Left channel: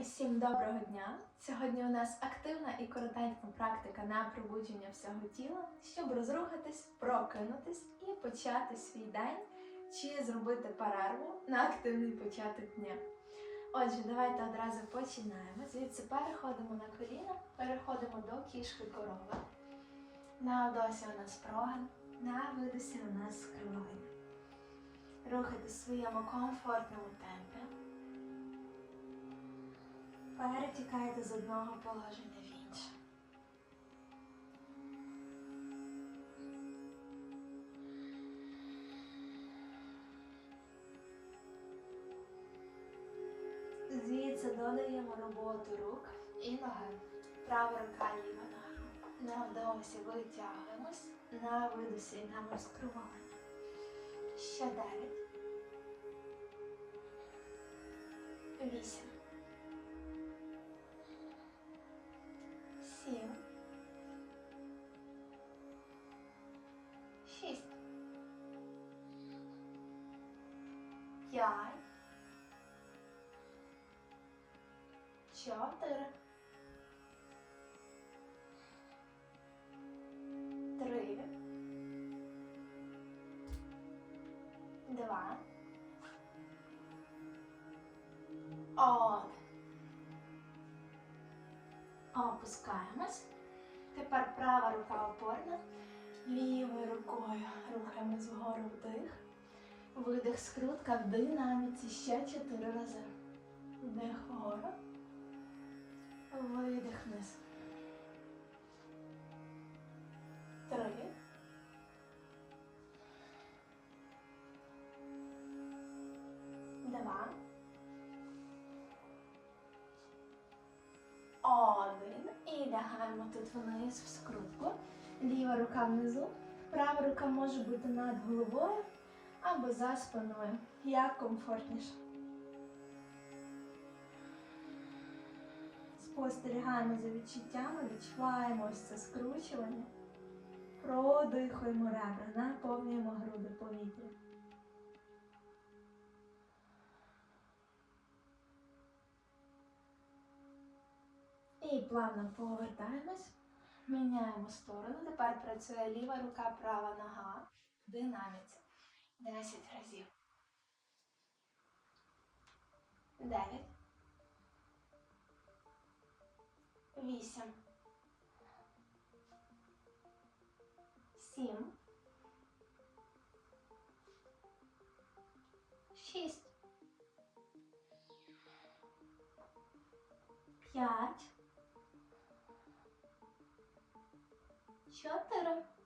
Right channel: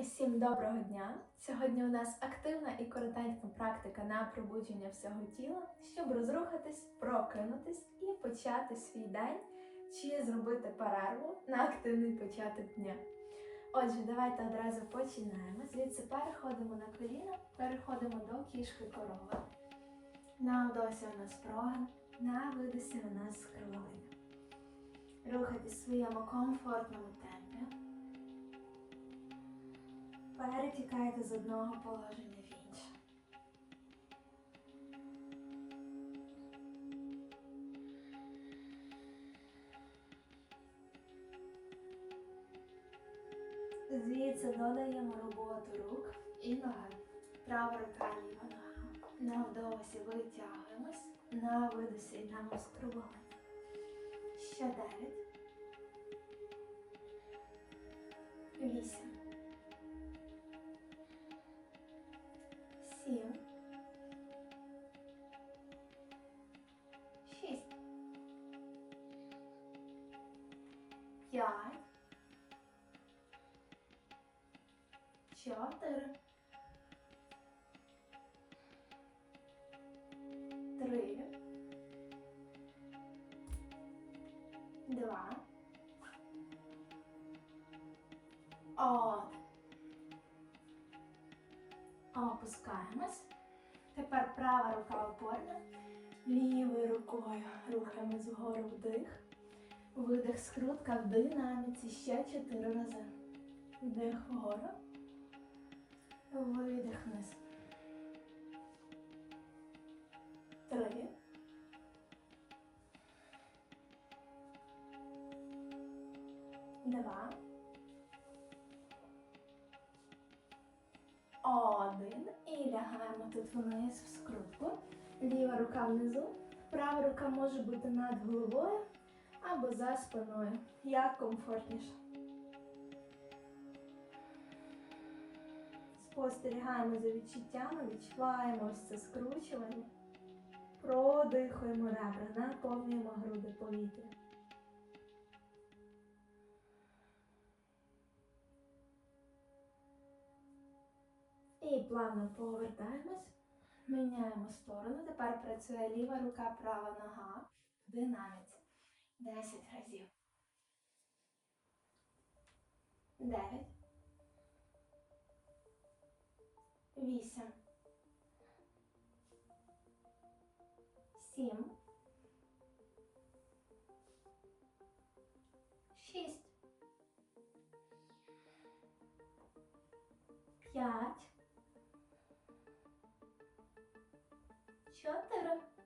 Усім доброго дня! Сьогодні у нас активна і коротенька практика на пробудження всього тіла, щоб розрухатись, прокинутись і почати свій день чи зробити перерву на активний початок дня. Отже, давайте одразу починаємо. Звідси переходимо на коліна, переходимо до кішки корови. На вдосі у нас прогин, на видосі у нас скривання. Рухайтесь в своєму комфортному темпі. Перетікайте з одного положення в інше. Звідси додаємо роботу рук і ноги. Права рука, ліва нога. На вдосі витягуємось, на видосі йдемо скрування. Ще дев'ять. Вісім. П'ять, чотири, три, два, один. Опускаємось. Тепер права рука опорна. Лівою рукою рухаємось вгору вдих. Видих скрутка в динаміці ще чотири рази. Вдих вгору. Видих вниз. Три. Два. Один. І лягаємо тут вниз в скрутку. Ліва рука внизу. Права рука може бути над головою або за спиною. Як комфортніше. Спостерігаємо за відчуттями, відчуваємо ось це скручування. Продихуємо ребра, наповнюємо груди повітря. І плавно повертаємось, міняємо сторону. Тепер працює ліва рука, права нога в динаміці. 10 разів. 9. 8. 7. 6. 5. 4.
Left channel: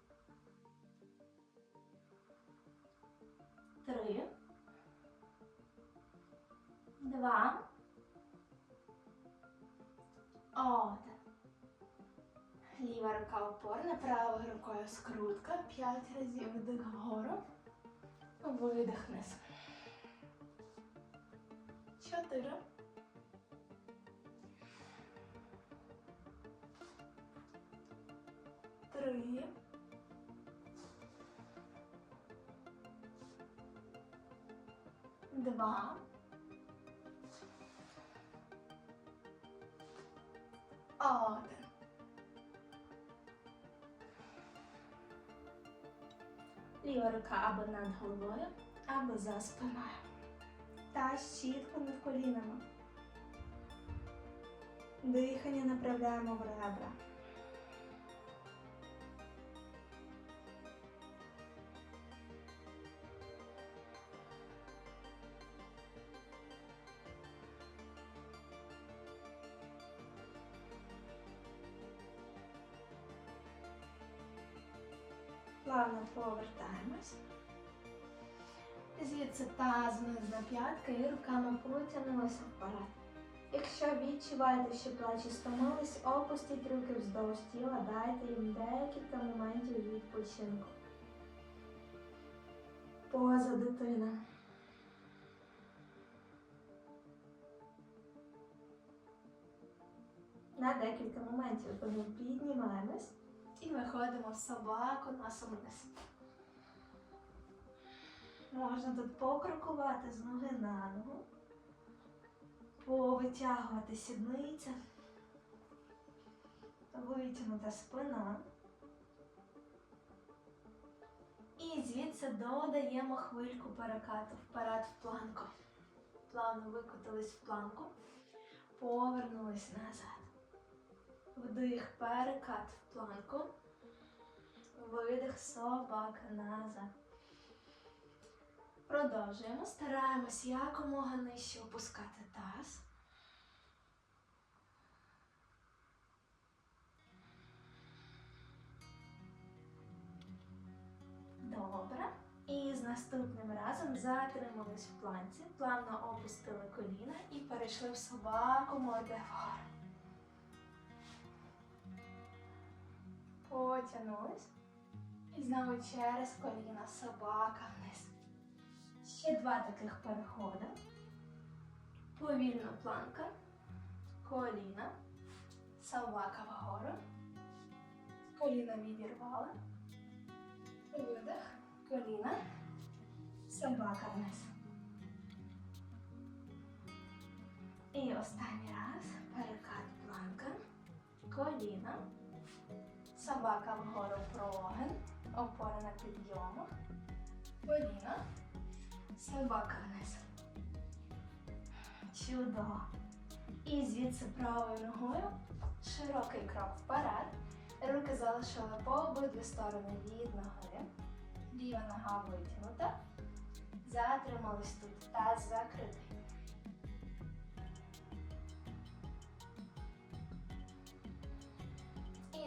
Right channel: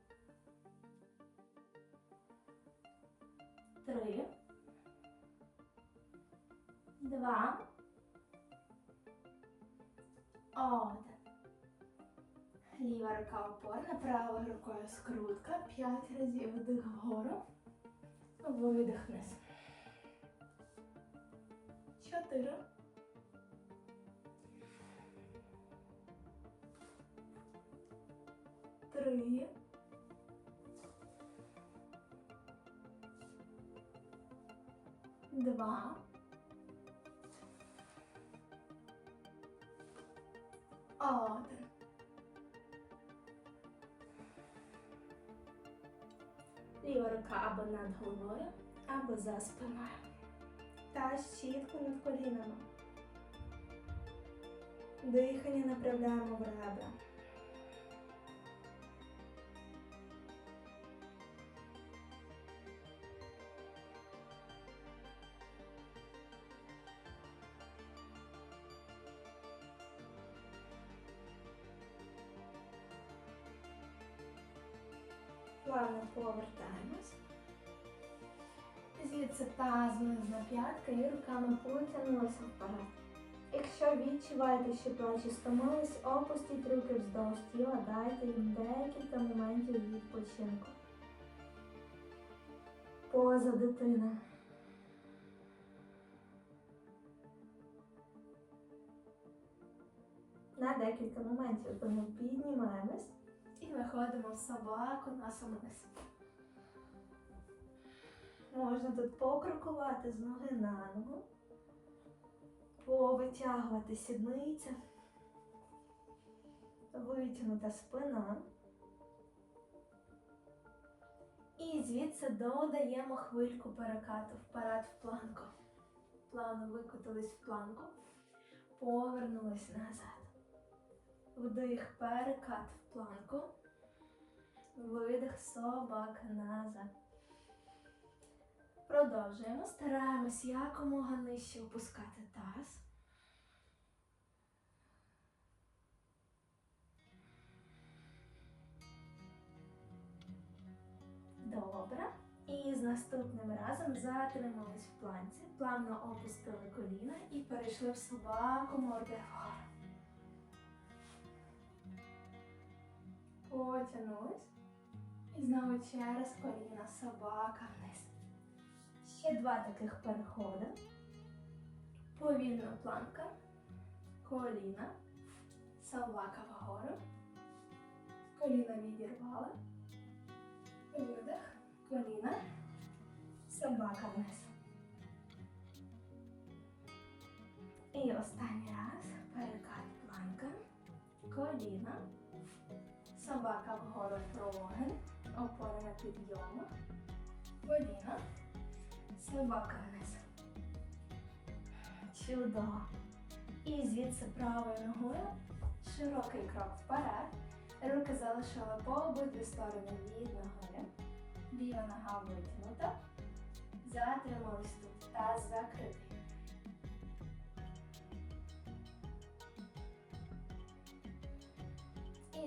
Два, один. Ліва рука опорна, правою рукою скрутка. П'ять разів вдих вгору, видих вниз. Чотири. Три. Два. Один. Ліва рука або над головою, або за спиною. Та чітко над колінами. Дихання направляємо в ребра. Плавно повертаємось. Звідси таз вниз на п'ятки і руками потягнулися вперед. Якщо відчуваєте, що плечі стомились, опустіть руки вздовж тіла, дайте їм декілька моментів відпочинку. Поза дитина. На декілька моментів тому піднімаємось і виходимо в собаку носом вниз. Можна тут покрокувати з ноги на ногу. повитягувати сідниця, витягнута спина. І звідси додаємо хвильку перекату вперед в планку. Плавно викотились в планку, повернулись назад. Вдих, перекат в планку. Видих, собака назад. Продовжуємо. Стараємось якомога нижче опускати таз. Добре. І з наступним разом затримались в планці, плавно опустили коліна і перейшли в собаку морди Потягнулись. І знову через коліна собака вниз. Ще два таких переходи. Повільна планка, коліна, собака вгору, коліна відірвали, видих, коліна, собака вниз. І останній раз перекат планка, коліна, собака вгору прогин, опора на підйому, коліна, собака вниз. Чудово. І звідси правою ногою широкий крок вперед. Руки залишили по обидві сторони від ноги. Ліва нога витягнута. Затримались тут. Таз закритий.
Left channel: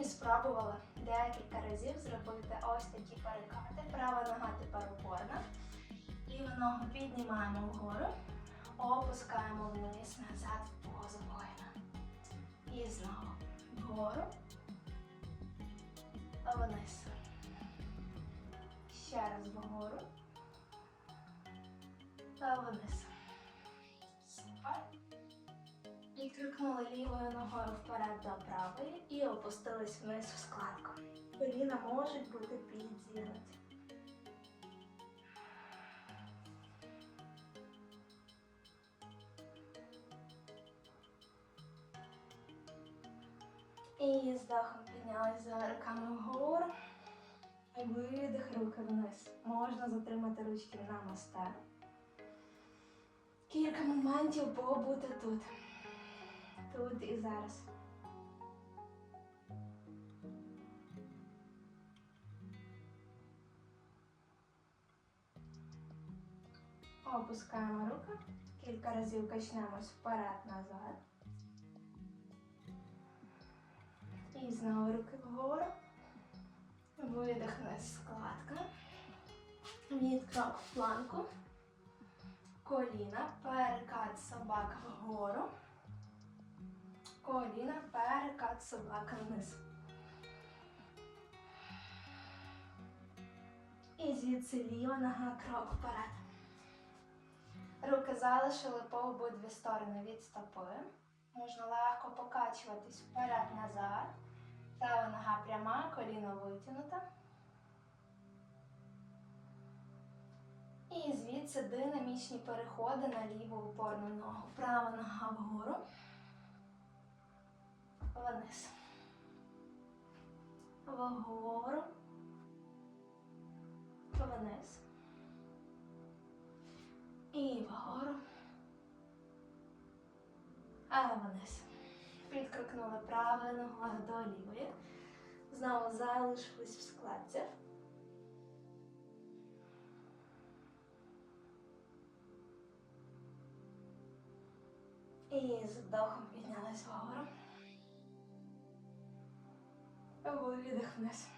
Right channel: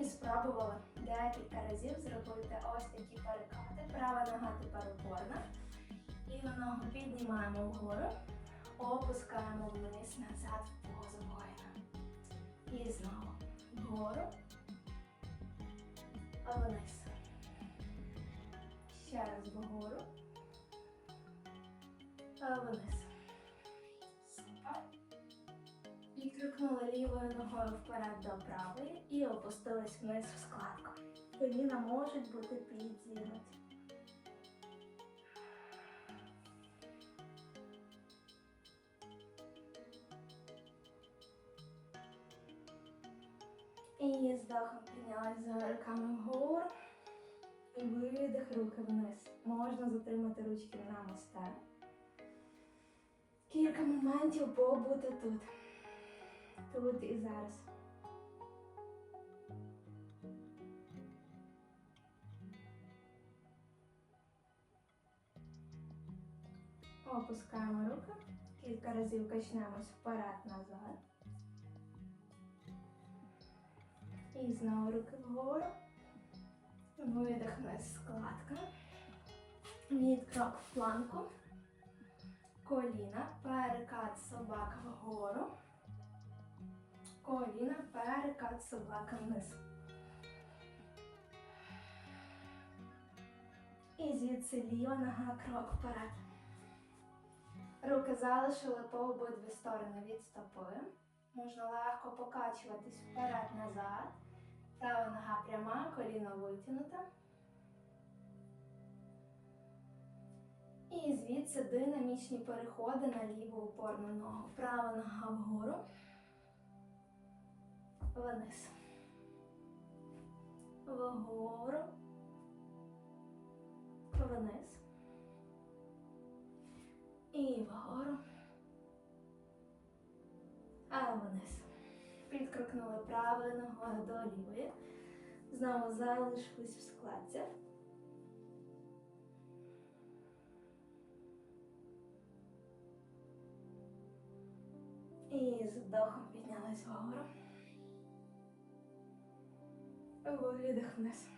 І спробували декілька разів зробити ось такі перекати. Права нога тепер опорна. Ліву ногу піднімаємо вгору, опускаємо вниз, назад в позу воїна. І знову вгору, вниз. Ще раз вгору, вниз. І лівою ногою вперед до правої і опустились вниз в складку. Коліна можуть бути підзігнуті. І з дахом піднялись за руками вгору. І Видих руки вниз. Можна затримати ручки на мостах. Кілька моментів побути тут. Тут і зараз. Опускаємо руки. Кілька разів качнемось вперед-назад. І знову руки вгору. Видих складка. Відкрок в планку. Коліна, перекат собака вгору. Коліна, перекат собака вниз. І звідси ліва нога крок вперед. Руки залишили по обидві сторони від стопи. Можна легко покачуватись вперед-назад. Права нога пряма, коліно витягнуте. І звідси динамічні переходи на ліву опорну ногу. Права нога вгору. Вниз. Вгору. Вниз. І вгору. А вниз. Підкрикнули правою ногою до лівої. Знову залишились в складці. І з вдохом піднялись вгору. Видих вниз.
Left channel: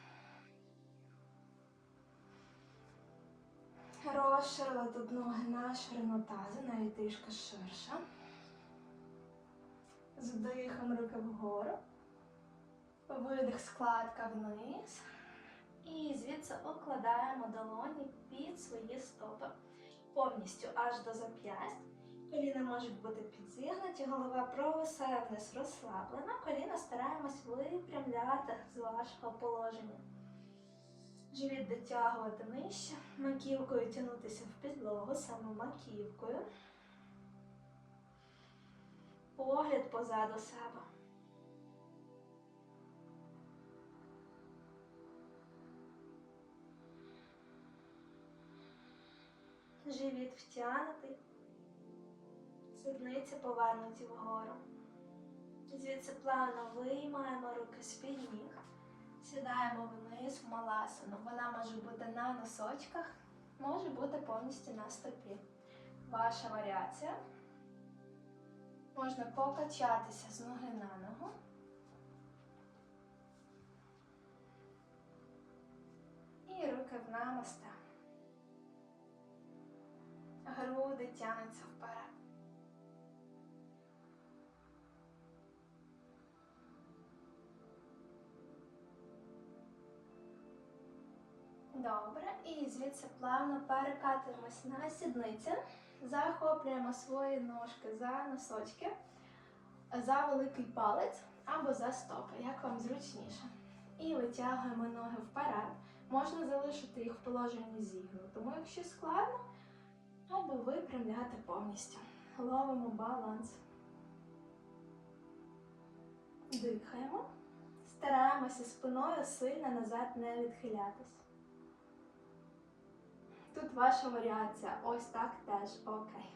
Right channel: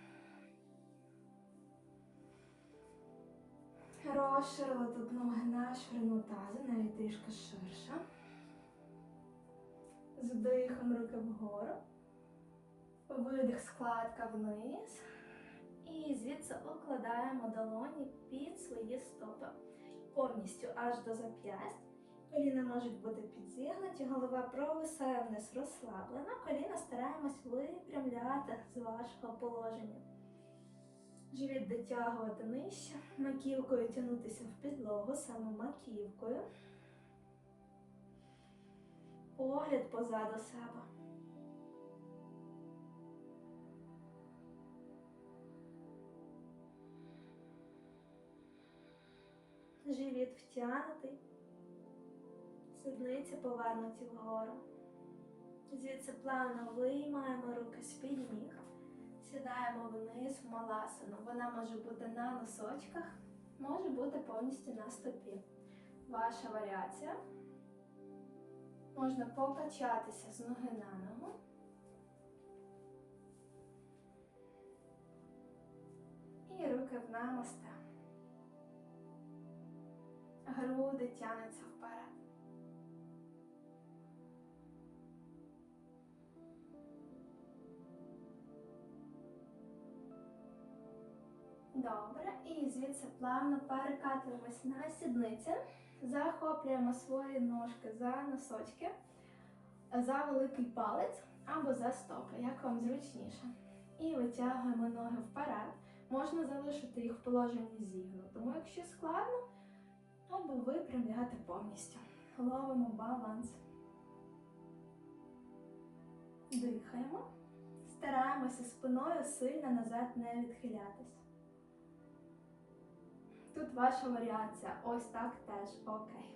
Розширили тут ноги на ширину тазу, навіть трішки ширше. З вдихом руки вгору. Видих, складка вниз. І звідси окладаємо долоні під свої стопи. Повністю аж до зап'ясть. Коліна можуть бути підзігнуті, голова провисає вниз розслаблена. Коліна стараємось випрямляти з вашого положення. Живіт дотягувати нижче, маківкою тягнутися в підлогу, саме маківкою. Погляд позаду себе. Живіт втягнутий, сідниці повернуті вгору. Звідси плавно виймаємо руки з-під ніг, сідаємо вниз в маласану. Вона може бути на носочках, може бути повністю на стопі. Ваша варіація. Можна покачатися з ноги на ногу. І руки в намасте. Груди тянуться Добре, і звідси плавно перекатуємось на сідниці, захоплюємо свої ножки за носочки, за великий палець або за стопи, як вам зручніше. І витягуємо ноги вперед. Можна залишити їх в положенні зігну, тому якщо складно, або випрямляти повністю. Ловимо баланс. Дихаємо. Стараємося спиною сильно назад не відхилятись. Тут ваша варіація. Ось так теж окей.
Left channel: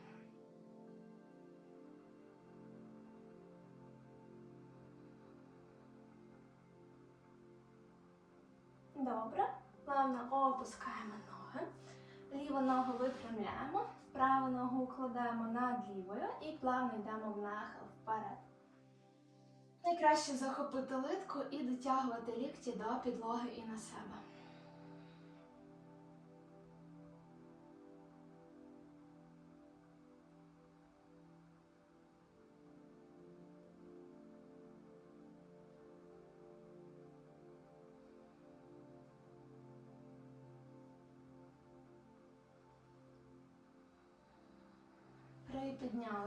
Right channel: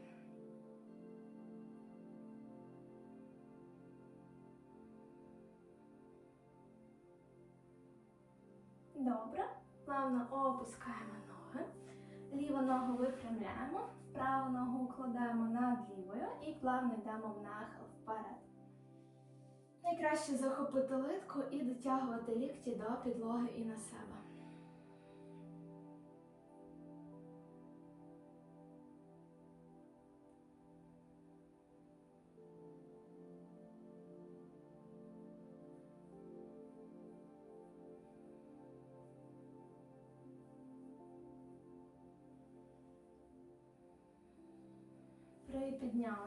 Добре. Плавно опускаємо ноги. Ліву ногу випрямляємо, праву ногу укладаємо над лівою і плавно йдемо в нахил вперед. Найкраще захопити литку і дотягувати лікті до підлоги і на себе.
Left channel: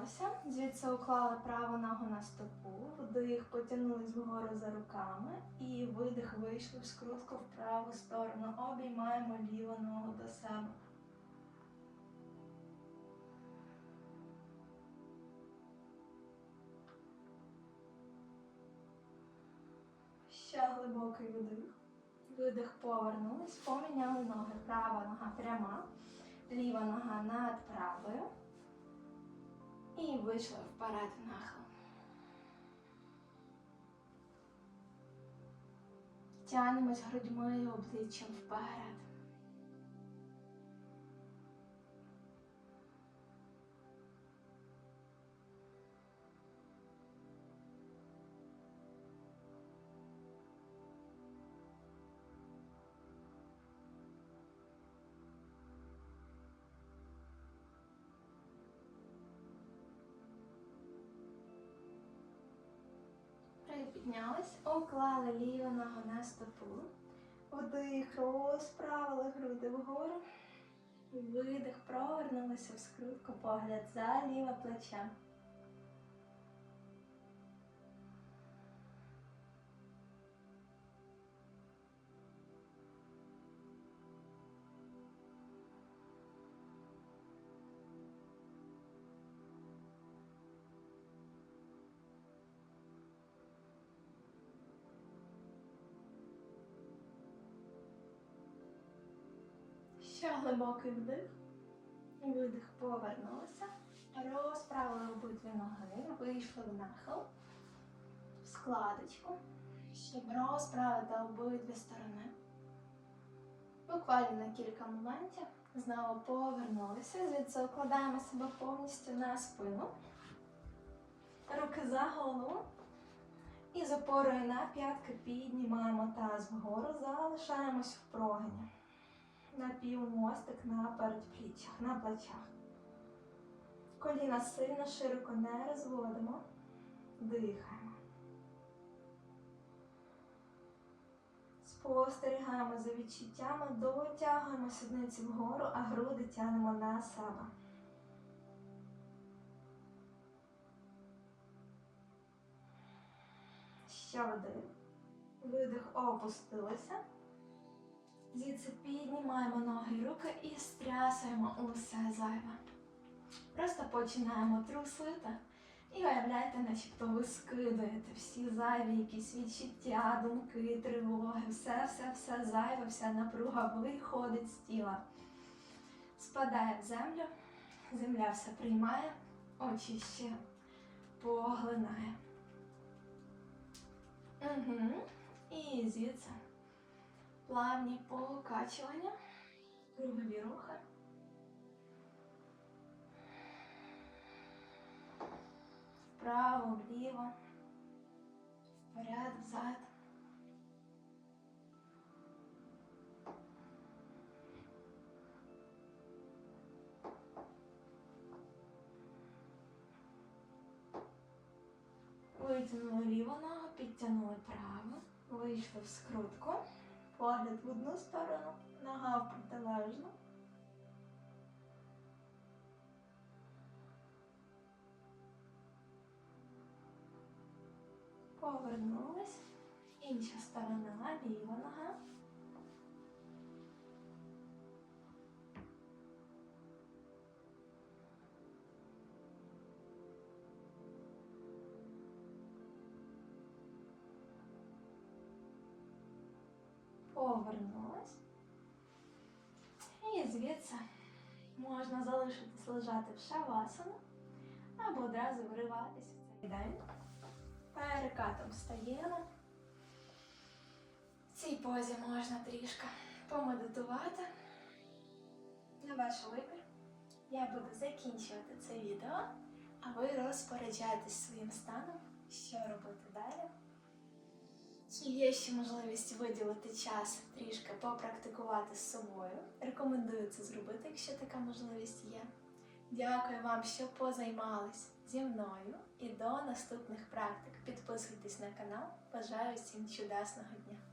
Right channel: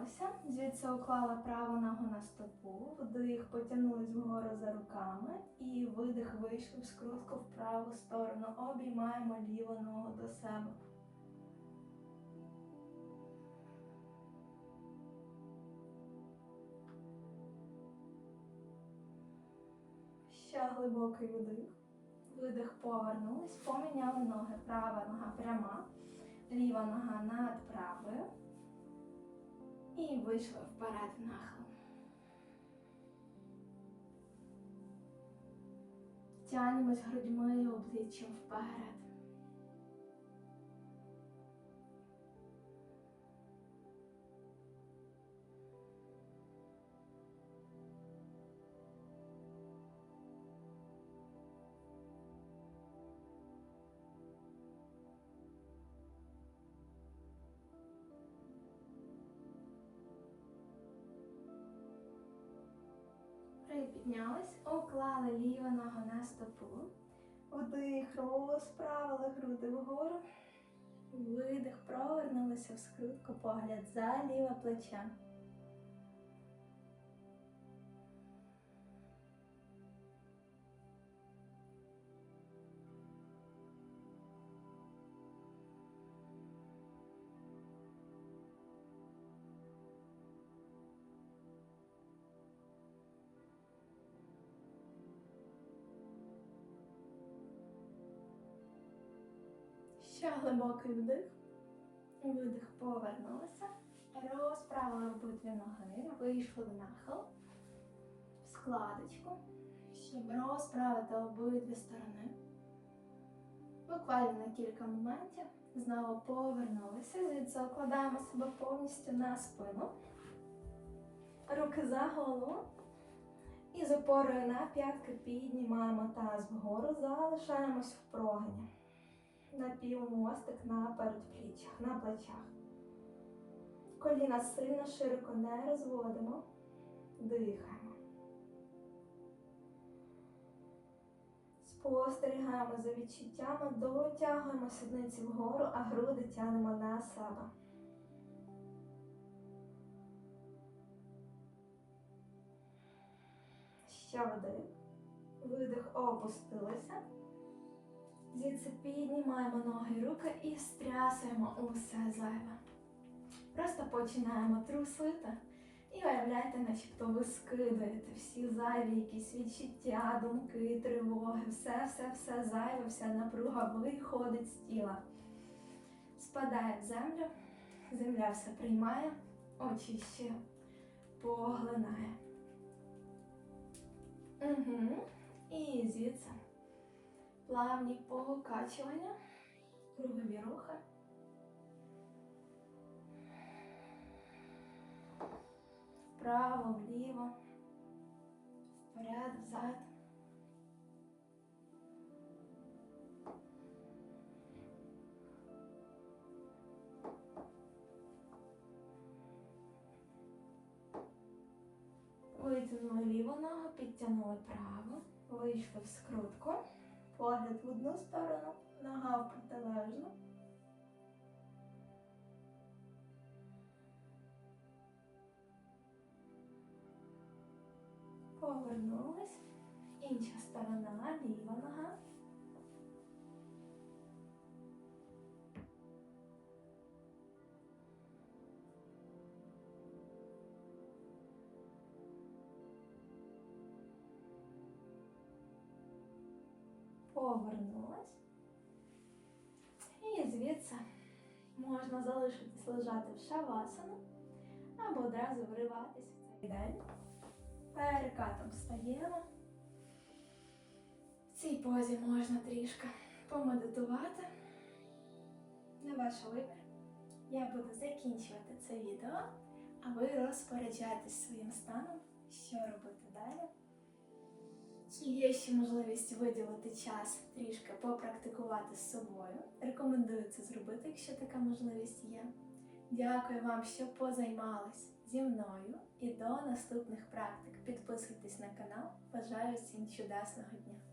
Припіднялися, звідси уклали праву ногу на стопу, вдих, потягнулись вгору за руками і видих вийшли в скрутку в праву сторону. Обіймаємо ліву ногу до себе. Ще глибокий вдих. Видих повернулись, поміняли ноги. Права нога пряма, ліва нога над правою. І вийшли в нахил. Тянемось грудьми обличчям вперед. Припіднялись, уклали ліву ногу на стопу. Вдих, розправили груди вгору. Видих, провернулися в скрутку, погляд за ліве плече. Ще глибокий вдих. Видих, повернулися. Розправили обидві ноги, вийшли в нахил, в складочку, щоб розправити обидві сторони. Буквально на кілька моментів знову повернулися, звідси укладаємо себе повністю на спину, руки за голову. І з опорою на п'ятки піднімаємо таз вгору, залишаємось в прогині напівмостик на передпліччях, на плечах. Коліна сильно широко не розводимо, дихаємо. Спостерігаємо за відчуттями, дотягуємо сідниці вгору, а груди тягнемо на себе. Ще вдих. Видих, опустилися. Звідси піднімаємо ноги руки і стрясаємо усе зайве. Просто починаємо трусити І уявляйте, начебто ви скидаєте всі зайві якісь відчуття, думки, тривоги, все, все, все зайве, вся напруга виходить з тіла. Спадає в землю, земля все приймає, очищує, поглинає. Угу. І звідси плавні покачування, кругові рухи. Вправо, вліво, вперед, взад. Витягнули ліву ногу, підтягнули праву, вийшли в скрутку, погляд в одну сторону, нога в протилежну. Повернулись. Інша сторона, ліва Повернулась. І звідси можна залишитись лежати в шавасану або одразу вриватись в цей день. Перекатом встаємо. В цій позі можна трішки помедитувати. На ваш вибір. Я буду закінчувати це відео, а ви розпоряджайтесь своїм станом, що робити далі. Є ще можливість виділити час трішки попрактикувати з собою. Рекомендую це зробити, якщо така можливість є. Дякую вам, що позаймались зі мною і до наступних практик. Підписуйтесь на канал. Бажаю всім чудесного дня!